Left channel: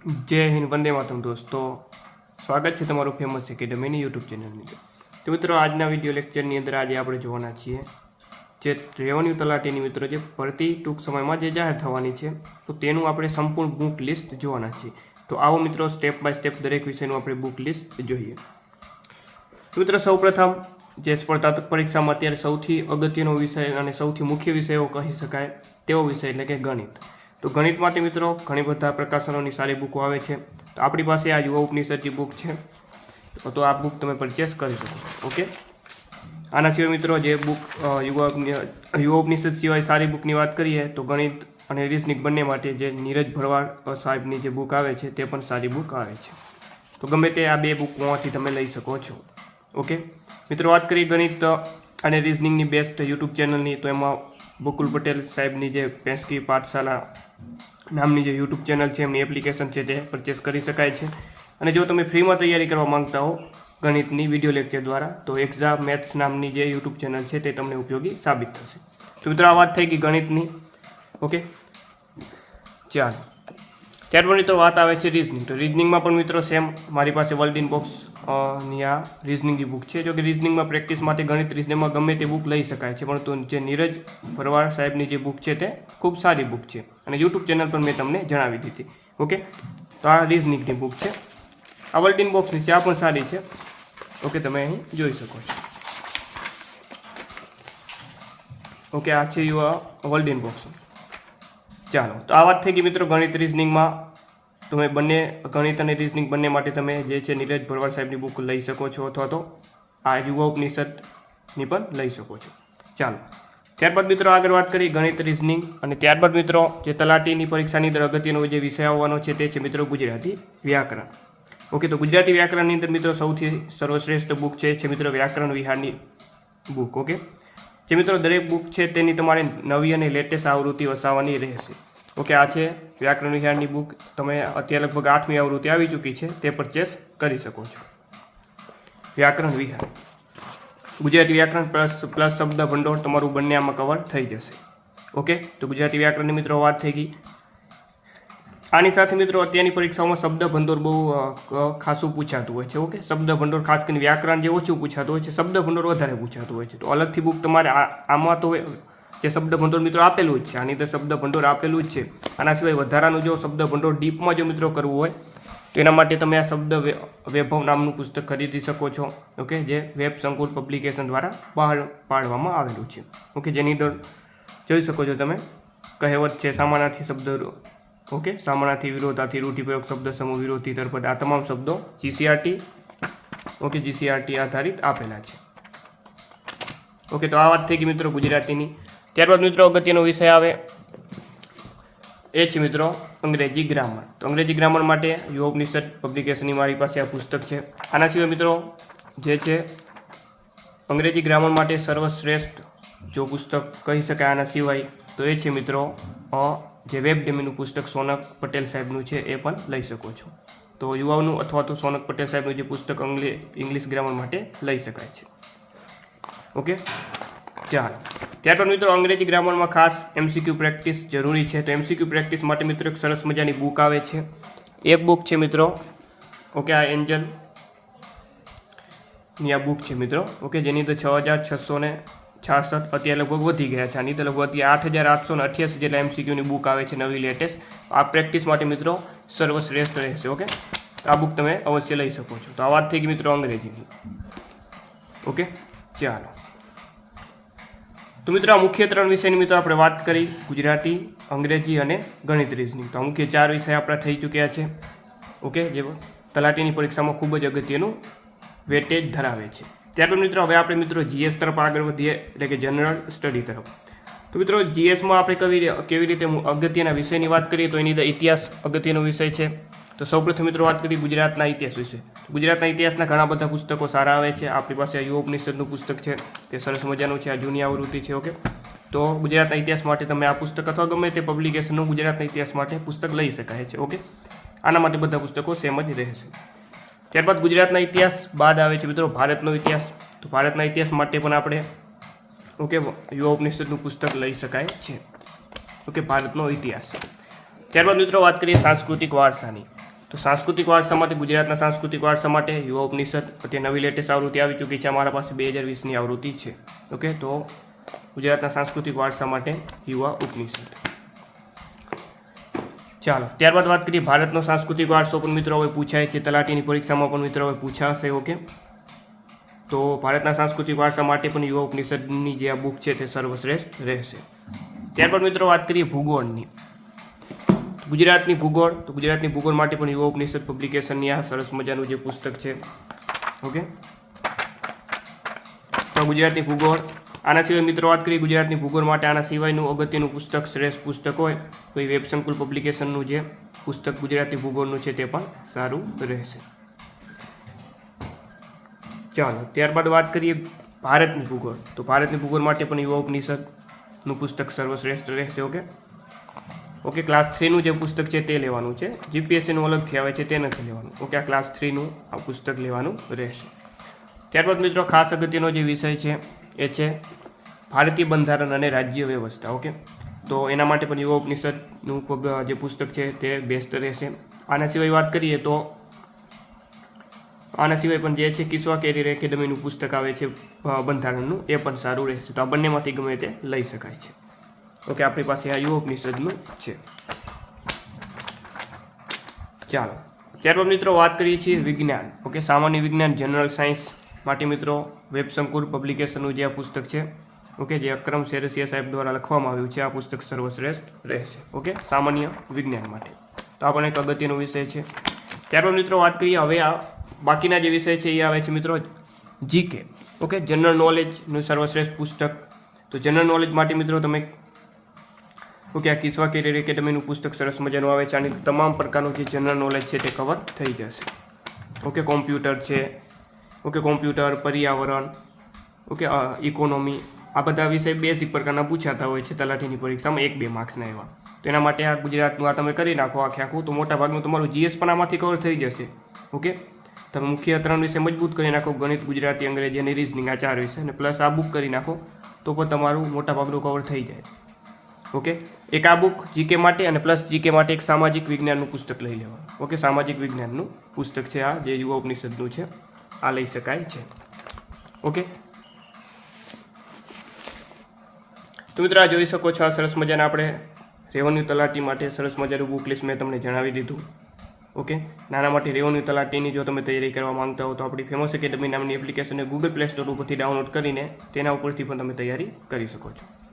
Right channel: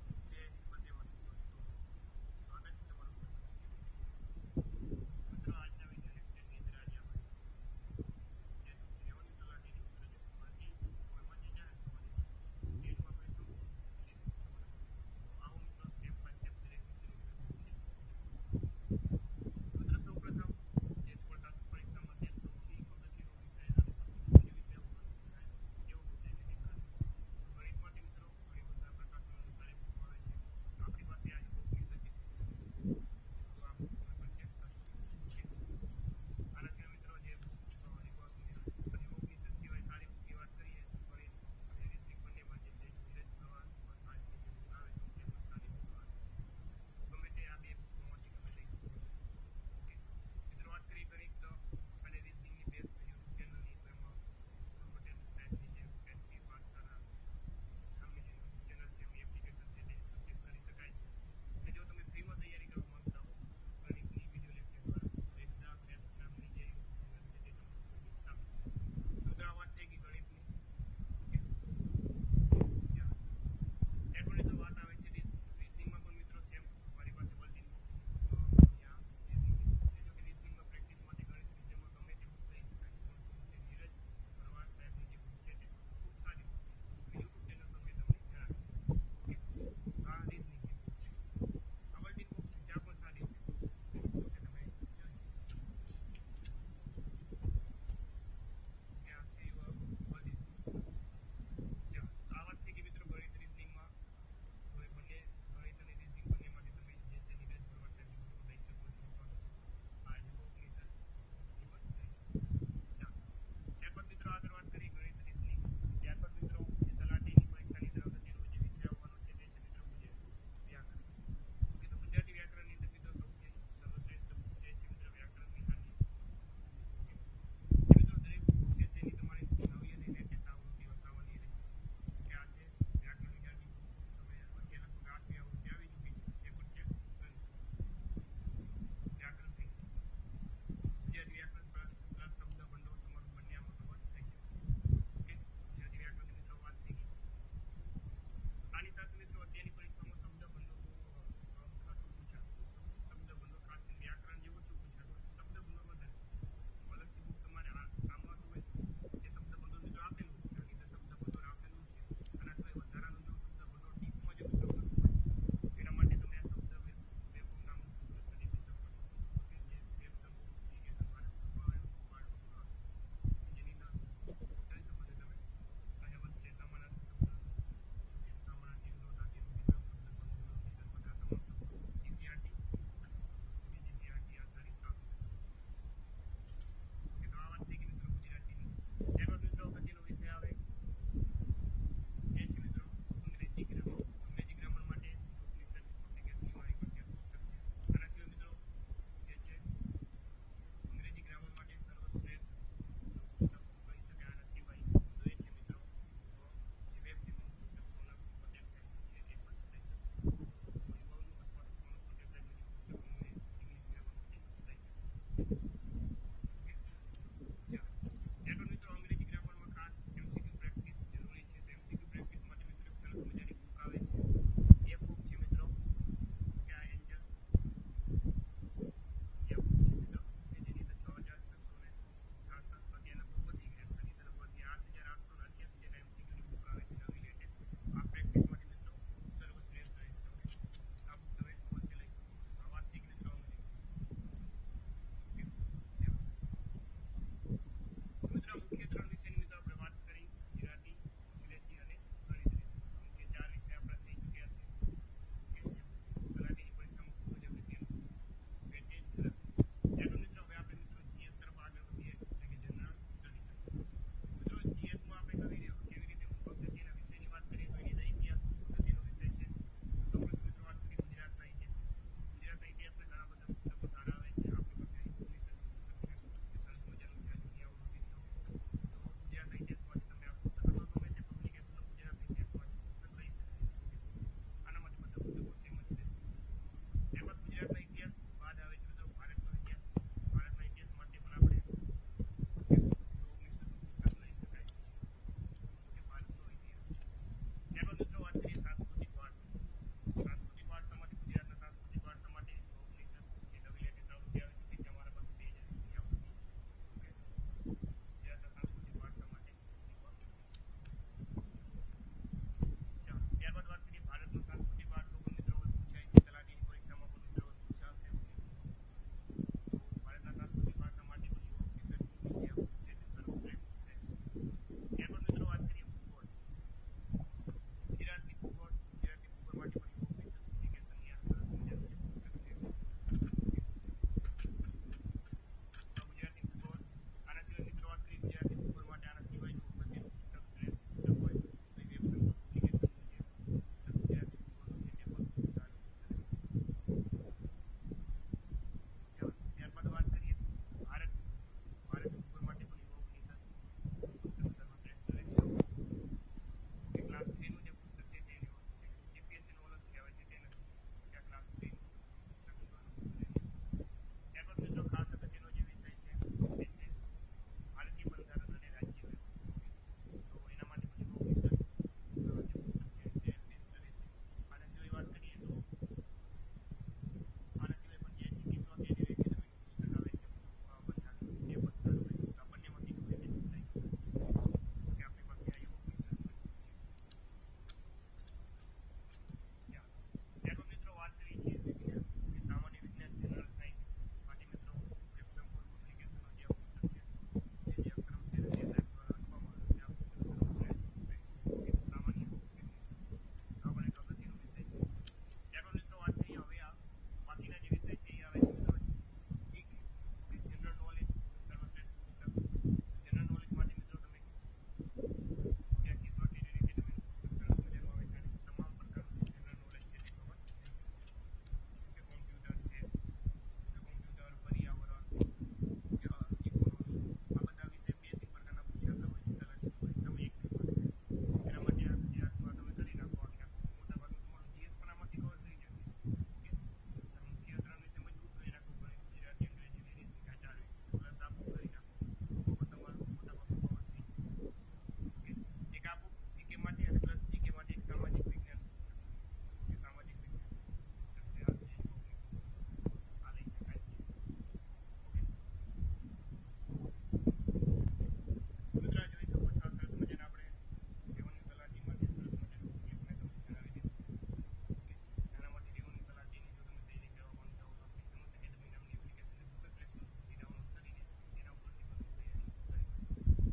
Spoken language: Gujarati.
જય હિન્દ, વંદે માતમ દોસ્તો. સ્વાગત છે તમારું ફેમસ એકેડમીની યુટ્યુબ ચેનલની તો મિત્રો, આજના વીડિયો લેક્ચરની અંદર આજે આપણે જોવાના છીએ જે રેવન્યુ તલાટીની મિત્રો જે ભરતી ટૂંક સમયમાં જે જાહેર થવાની છે, તો તેનું આપણે સંપૂર્ણ બુક લિસ્ટ જોવાના છીએ. તો આવો મિત્રો સ્ટેપ બાય સ્ટેપ દરેક વિષયનું આપણે બુક લિસ્ટ જોઈએ. મિત્રો, સૌપ્રથમ જે સ્પર્ધાત્મક પરીક્ષામાં અત્યારે સૌથી અગત્યનો વિષય અને સૌથી મુખ્ય વિષયો કહી શકાય તેવો વિષય એટલે કે ગણિત. તો ગણિત માટે મિત્રો ઘણી બધા પ્રકાશનોની સારી બુકો આવે છે. તો આપણી પાસે આ યુવા ઉપનિષદની બુક છે. તો આ બુક તમે પરચેસ કરી શકો. ઓકે? આના સિવાય મિત્રો જે બુક યુવા યુવા ઉપનિષદ સિવાય સારી બુકની વાત કરીએ તો ગણિત અને રિસનિક બંને માટે જે નીરજ ભરવાડ સાહેબની જે બુક આવે છે તે પણ સારી બુક આવે છે. તો ગમે તે આ બે બુકમાંથી તમે લઈ શકો છો. ઓકે? મિત્રો વાત કરીએ ગણિત અને રિઝનિંગની બેસ્ટ યુટ્યુબ ચેનલની તો એમાં બકુલ પટેલ સાહેબની જે પેન્સકી પાઠશાલા નામની જે યુટ્યુબ ચેનલ છે, એમની એપ્લિકેશન છે તે પરચેસ કરી શકાય છે. અને જો તમે ફ્રીમાં તૈયારી કરવા માંગતા હો ગણિતની વીડિયો લેક્ચર દ્વારા, તો એક્ઝામ મેથ્સ નામની જે યુટ્યુબ ચેનલ છે તે તમને ઉપયોગી સાબિત થશે. તો મિત્રો, આ વાત થઈ ગઈ ગણિતની. ઓકે? ચાલો. ત્યારબાદ મિત્રો વાત આવે છે રિઝનિંગ તો રિઝનિંગમાં પણ મિત્રો સેમ મારી પાસે વર્લ્ડ ઇન બોક્સ ની આ રિઝનિંગની બુક છે. જો કે રિઝનિંગમાં પ્રેક્ટિસ માટે ગણિત રિઝનિંગમાં ગમે તે બુક લઈ શકાય છે. પરંતુ જે નીરજ ભરવાડ સાહેબની જે બુક છે તે ખૂબ સારી બુક છે. અને યુટ્યુબ ચેનલ પર મેં તમને જણાવી દીધી. ઓકે? તો આ રિઝનિંગની બુક છે. આ વર્લ્ડ ઇન બોક્સની છે આ પણ સારી છે. ઓકે, તમે અહીં જોઈ શકો છો. ઓકે, આ છે યુ વર્લ્ડ ઇન બોક્સ ચાલો, તો આ વાત થઈ ગઈ મિત્રો ગણિત રિઝનિંગમાં તમે બંને ગણિત અને રિઝનિંગ બંને માટે તમે જે છે નીરજ ભરવાડ સાહેબની બુક લઈ શકો છો અથવા તો આ યુવા ઉપનિષદની પણ લઈ શકો છો. ચાલો. ત્યારબાદ મિત્રો આગળ વાત કરી ગણિત રિઝનિંગ અને ત્યારબાદ મિત્રો જે તલાટીની પરીક્ષાની અંદર અગત્યનો જે વિષય આવવાનો છે તે છે મિત્રો ગુજરાતી વ્યાકરણ. ઓકે, તો ગુજરાતી વ્યાકરણની અંદર મિત્રો સૌથી સર્વશ્રેષ્ઠ બુક છે છે મિત્રો વ્યાકરણ વિહારની બુક ઓકે? જે મિત્રો દરેક બુક છે તેની તમારે નવી અને લેટેસ્ટ આવૃત્તિ વસાવવાની રહેશે. ઓકે, આ છે વ્યાકરણ વિહારની બુક તમે અત્યારે લગભગ આઠમી આવૃત્તિ આવી ચૂકી છે, તે પરચેસ કરી શકો છો. વ્યાકરણ વિહાર. ગુજરાતી વ્યાકરણ પ્લસ પ્લસ શબ્દ ભંડોળ તમારું બંને આમાં કવર થઈ જશે. ઓકે, તો ગુજરાતી વ્યાકરણની મિત્રો વાત થઈ ગઈ. આની સાથે મિત્રો અત્યારની પરીક્ષાઓમાં શબ્દ ભંડોળ બહુ ખાસું પૂછાતું હોય છે, ઓકે? શબ્દ ભંડોળ ખાસ કરીને વ્યાકરણ જે ઓછું પૂછાતું હોય છે, શબ્દ ભંડોળ વધારે પૂછાતું હોય છે. તો અલગથી બુક તમારે આમાં તો જે શબ્દ ભંડોળ મિત્રો આપેલું જ છે. આની તો શબ્દ ભંડોળ આપેલું જ છે. આના સિવાય વધારાનું જો શબ્દ ભંડોળ ડીપમાં જો મિત્રો કરવું હોય, તો એના માટે તમે આ શબ્દ વૈભવ નામનું પુસ્તક ખરીદી શકો છો. ઓકે? જે વેબ સંકુલ પબ્લિકેશન દ્વારા બહાર પાડવામાં આવેલું છે. ઓકે? જેની અંદર જોઈ શકો છો તમે, કહેવત છે સામાનાથી શબ્દ ઓકે? સામાનાથી વિરોધાથી રૂઢિપ્રયોગ શબ્દ, સમૂહ વિરોધી તરપદ આ તમામ શબ્દો જીસીઆરટી ઓકે? જીસીઆરટી આધારિત આપેલા છે. ઓકે? તો આ વાત થઈ ગઈ મિત્રો ગુજરાતીની. ત્યારબાદ મિત્રો અગત્યનો વિષય આવે. એ છે મિત્રો અંગ્રેજી ગ્રામર. તો અંગ્રેજી ગ્રામર માટે યુવા નિષદ પબ્લિકેશનની મારી પાસે આ પુસ્તક છે. આના સિવાય મિત્રો જે છે અંગ્રેજી ગ્રામર માટે સર્વશ્રેષ્ઠ જો પુસ્તક કહી શકાય આના સિવાય, તો એ છે મિત્રો જે વેબ ડેમીનું પુસ્તક સોનક પટેલ સાહેબનું છે એ પણ લઈ શકો છો. તો યુવાઓનું અથવા તો સોનક પટેલ સાહેબનું જે પુસ્તક ઇંગ્લિશ ગ્રામર માટે લઈ શકાય છે. ઓકે? ચાલો ત્યારબાદ મિત્રો, અંગ્રેજી ગ્રામરમાં ખાસ એમસીક્યુ પ્રેક્ટિસ જરૂરી છે. તો એમસીક્યુ પ્રેક્ટિસ માટે મિત્રો એક સરસ મજાની બુક આવે છે. એક બુક છે મિત્રો. ઓકે, આ એન્જલની આ બુક છે મિત્રો. ઓકે, જેની અંદર છ હજાર છસો ને છાસઠ અત્યારે લગભગ વધી ગયા છે. આની તો લગભગ અત્યારે આઠ હજાર આઠસો ને અઠ્યાસી જેટલા એમસીક્યુની બુક આવે છે નવી લેટેસ્ટ આ પ્રેક્ટિસ માટે મિત્રો સર્વશ્રેષ્ઠ રહેશે, ઓકે? આ બુક તમે અવશ્ય લઈ શકો છો. તો આ વાત થઈ ગઈ મિત્રો અંગ્રેજીની. ઓકે, ચાલો. તો મિત્રો, આ મુખ્ય ત્રણ વિષયની મિત્રો આપણે વાત કરી, ગુજરાતી, અંગ્રેજી અને ગણિત રીઝનિંગ તો મુખ્ય ચાર વિષય આપણા થઈ ચૂક્યા છે. ઓકે, જે તલાટીની પરીક્ષામાં ખૂબ જ અગત્યનું વેટેજ ધરાવે છે. ત્યારબાદ મિત્રો, હવે આપણે મિત્રો, જીએસ તરફ આગળ વધીએ, એટલે કે જનરલ સ્ટડી તરફ. તો મિત્રો જીએસમાં આપણે કવી કેવી રીતે અગત્યના વિષયની વાત કરીએ તો એની અંદર ઇતિહાસ અગત્યનો વિષય છે. તો સૌપ્રથમ મિત્રો, વાત કરીએ ગુજરાતના ઇતિહાસ વિશે. ગુજરાતના ઇતિહાસના ઘણા બધા પુસ્તકો સારા આવે છે. આપણી પાસે આ યુવા પુસ્તક છે, તે સરસ મજાનું છે, આ જૂની આવૃત્તિ છે, ઓકે? તો ગુજરાતના ઇતિહાસ માટે તમે આ પુસ્તક અથવા ગમે તે પબ્લિકેશનનું ગુજરાતના ઇતિહાસ માટે પુસ્તક લઈ શકાય છે, ઓકે? આના માટે બધા પુસ્તકો સેમ જ રહેશે. ત્યારબાદ ગુજરાતના ઇતિહાસ બાદ આવે છે મિત્રો, ભારતનો ઇતિહાસ. તો ભારતના ઇતિહાસ માટે પણ આપણે ઓકે, યુવા ઉપનિષદનું પુસ્તક લઈ શકાય છે. ઓકે, ભારતનો ઇતિહાસ. ત્યારબાદ મિત્રો વાત કરીએ સાંસ્કૃતિક વારસાની. તો સાંસ્કૃતિક વારસા માટે, ગુજરાતના સાંસ્કૃતિક વારસા માટે યુવા ઉપનિષદ અત્યારે નવી લેટેસ્ટ આવૃત્તિ આવી ચૂકી છે. અમારા પાસે બે હજાર વીસની આવૃત્તિ છે. ઓકે, તો ગુજરાતના સાંસ્કૃતિક વારસા માટે યુવા ઉપનિષદ. ચાલો, ત્યારબાદ વાત કરીએ ભારતનો સાંસ્કૃતિક વારસો પણ મિત્રો હવે પૂછાય છે. તલાટીની પરીક્ષામાં પણ મિત્રો હવે પૂછાશે, ઓકે? તો ભારતના સાંસ્કૃતિક વારસા માટે પણ યુવા ઉપનિષદની જે આ બુક છે તે સર્વશ્રેષ્ઠ રહેશે. ત્યારબાદ મિત્રો વાત કરીએ ભૂગોળની. ગુજરાતની ભૂગોળ, તો ગુજરાતની ભૂગોળ માટે પણ યુવા ઉપનિષદ પબ્લિકેશનની આ સરસ મજાનું જે પુસ્તક છે. ઓકે? તો ગુજરાતની ભૂગોળ. આના સિવાય મિત્રો વાત કરીએ ગુજરાતની ભૂગોળ માટે આના સિવાયનું અગત્યનું પુસ્તક, શ્રેષ્ઠ પુસ્તક હોય, તો એ વેબસંકુલ પબ્લિકેશનનું જે પુસ્તક ગુજરાતી ભૂગોળનું છે તે પણ સારું રહેશે. ચાલો, ત્યારબાદ વાત કરીએ ભારતની ભૂગોળ. તો ભારતની ભૂગોળ માટે પણ યુવા ઉપનિષદનું પુસ્તક સર્વશ્રેષ્ઠ રહેશે, ઓકે? ઓકે ક્લાસ થ્રીનું જે પુસ્તક છે તે લેવાનું છે. જીપીએસસીનું અલગથી આવે છે તે નથી લેવાનું. ઓકે, આ ક્લાસ થ્રીનું આ પુસ્તક લેવાનું રહેશે. ત્યારબાદ મિત્રો, ખાસ અગત્યનો જે વિષય છે એ છે ભારતીય બંધારણ અને રાજ્ય વ્યવસ્થા, ઓકે? તો એના માટે પણ યુવા ઉપનિષદનું જે પુસ્તક છે તે બેસ્ટ રહેશે. આના સિવાય વાત કરીએ તો આના સિવાય પણ જે છે કિસ્વા કેરિયર એકેડમીનું પુસ્તક આવે છે બંધારણનું, એ પણ સારું રહેશે. તો આ બંનેમાંથી ગમે તે લઈ શકાય છે. ઓકે, આપણી પાસે આ યુવા ઉપનિષદનું છે. ચાલો. ત્યારબાદ મિત્રો વાત કરીએ છીએ વિજ્ઞાન. ઓકે, સામાન્ય વિજ્ઞાન, જનરલ સાયન્સ માટે મિત્રો વેબશંકુર પબ્લિકેશનનું જે આ પુસ્તક છે, ઓકે, જે અક્રમ શેરસિયા સાહેબ દ્વારા લખવામાં આવ્યું છે, આ પુસ્તક સર્વશ્રેષ્ઠ રહેશે. ઓકે, સામાન્ય વિજ્ઞાન માટે. તો આ પણ એક અગત્યનો વિષય છે. ત્યારબાદ મિત્રો વાત કરીએ હવે આ બાકીના જે વિષય છે એ આવે છે મિત્રો જીકે. ઓકે જનરલ નોલેજનું સર્વશ્રેષ્ઠ પુસ્તક. તો જનરલ નોલેજ માટે મિત્રો તમે ઓકે આ કિસ્વા કેરિયર એકેડમીનું પુસ્તક સરસ મજાનું આવે છે, આની તમામ પ્રકારનું જે જનરલ નોલેજ છે તે કવર થઈ જશે. ઓકે કોમ્પ્યુટર છે. ઓકે કોમ્પ્યુટર પર્યાવરણ. ઓકે ઇકોનોમી આ બધા વિષય બેસિક પ્રકારના પૂછાતા હોય છે તલાટીની પરીક્ષામાં એક બે માર્ક્સના એવા. તો એના માટે આ ગુજરાતનું આ તમે કરી નાખો, આખે આખું. તો મોટા ભાગનું તમારું જીએસ પણ આમાંથી કવર થઈ જશે. ઓકે તમે મુખ્ય ત્રણ વિષય મજબૂત કરી નાખો. ગણિત, ગુજરાતી, અંગ્રેજી અને રિઝનિંગ આ ચાર વિષય અને પ્લસ આ બુક કરી નાખો, તો પણ તમારું મોટા ભાગનું કવર થઈ જાય. ઓકે એક આ બુક જીકે માટે અને પ્લસ જીકે માટે એક સામાજિક વિજ્ઞાનનું પુસ્તક લઈ લેવાનું. ઓકે સામાજિક વિજ્ઞાનનું પુસ્તક છે આ, જે યુવા ઉપનિષદનું છે. આ લઈ શકાય છે. ઓકે તો મિત્રો જોઈ શકો છો આ સરસ મજાના આપણે રેવન્યુ તલાટી માટે સરસ મજાનું બુક લિસ્ટ મેં તમને જણાવી દીધું. ઓકે? નાના માટે રેવન્યુ તલાટીની જો તમે તૈયારી કરવા માંગતા હો તો આપણી ફેમસ એકેડમી નામની એપ્લિકેશનને ગૂગલ પ્લે સ્ટોર ઉપરથી ડાઉનલોડ કરીને તેના ઉપરથી પણ તમે તૈયારી કરી શકો છો.